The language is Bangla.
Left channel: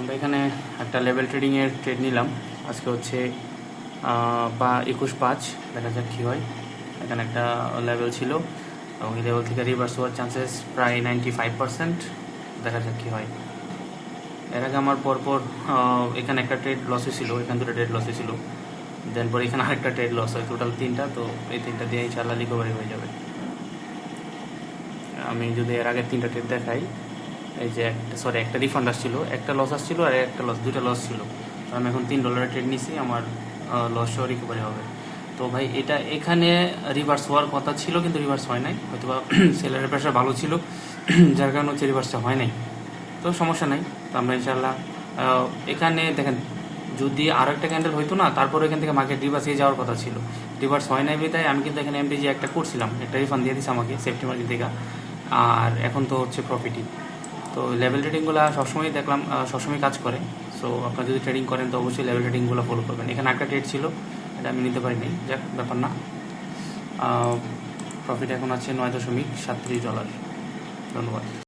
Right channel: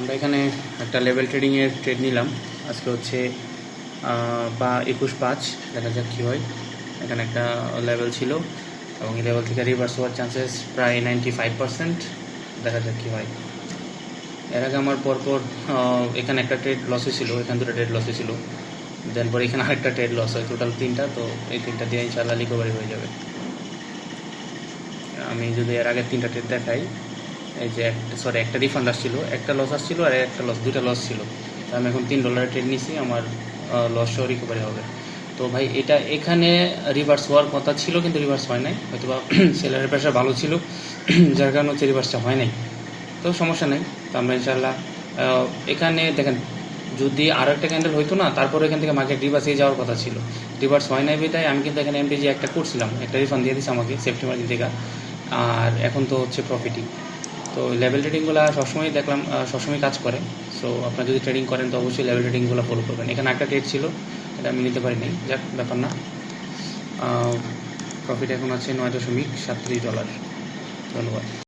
আমরা এখানে একটা লেভেল ট্রেডিংয়ের ট্রেড নিলাম। আজকে হচ্ছে 21/5, দেখা যাক কী হয়। এখানে একটা লেভেল ছিল এবং এই লেভেল থেকে রিভার্স হওয়ার চান্সেস প্রায় 95%। দেখা যাক কী হয়। এর আগে আমার পরপর এখানে একটা ট্রেড লসে ছিল, এখান দুটো ট্রেড লসে ছিল, দেন পরে এখানে আরেকটা ট্রেড লস হয়, টোটাল 3টা। তো এই 3টা দিয়ে ইনশাআল্লাহ রিকভারি হয়ে যাবে। আমি যদি এর আগে 3টা ট্রেড দেখাই, এই যে একটা রিফান্ড আসছিল, একটা লস আসছিল আর একটা লস, 2টা লস ছিল। তো আমি এখন $3 ট্রেড নিছি, আমার লস সহ রিকভারি হবে। তো ভাই এটা এখানে রিভার্স হওয়ার কথা ছিল কিন্তু রিভার্স হয় নাই, হয়তো বা সেলারের প্রেশার ভালো ছিল যার কারণে হচ্ছে রিভার্সটা হয় নাই। তো সমস্যা নেই। তো আমরা ইনশাআল্লাহ এখানে দেখেন, যদি আরও একটা ক্যান্ডেল হইতো না, তারপরে এখান থেকে মার্কেট রিভার্সে যাওয়ার কথা ছিল। রিভার্স হয় নাই বিধায় আমি কিন্তু এখানে এমটিজি একটা করছিলাম, একটা রিফান্ড দিয়ে দিচ্ছে আমাকে সেফটি মার্জিন থেকে, আর এখন তো হচ্ছে প্রফিটই। তো লেভেল ট্রেডিংগুলো সবসময় দেখলাম সবসময় কাজ করে। সো আপনারা যদি ট্রেডিং করেন তো অবশ্যই লেভেল ট্রেডিংগুলো ফলো করবেন। এখানে একটা ট্রেড ছিল, এটা আমি নিতে পারি নাই, যাক ব্যাপার না। প্রফিট এখন আছে $9.37। ধন্যবাদ।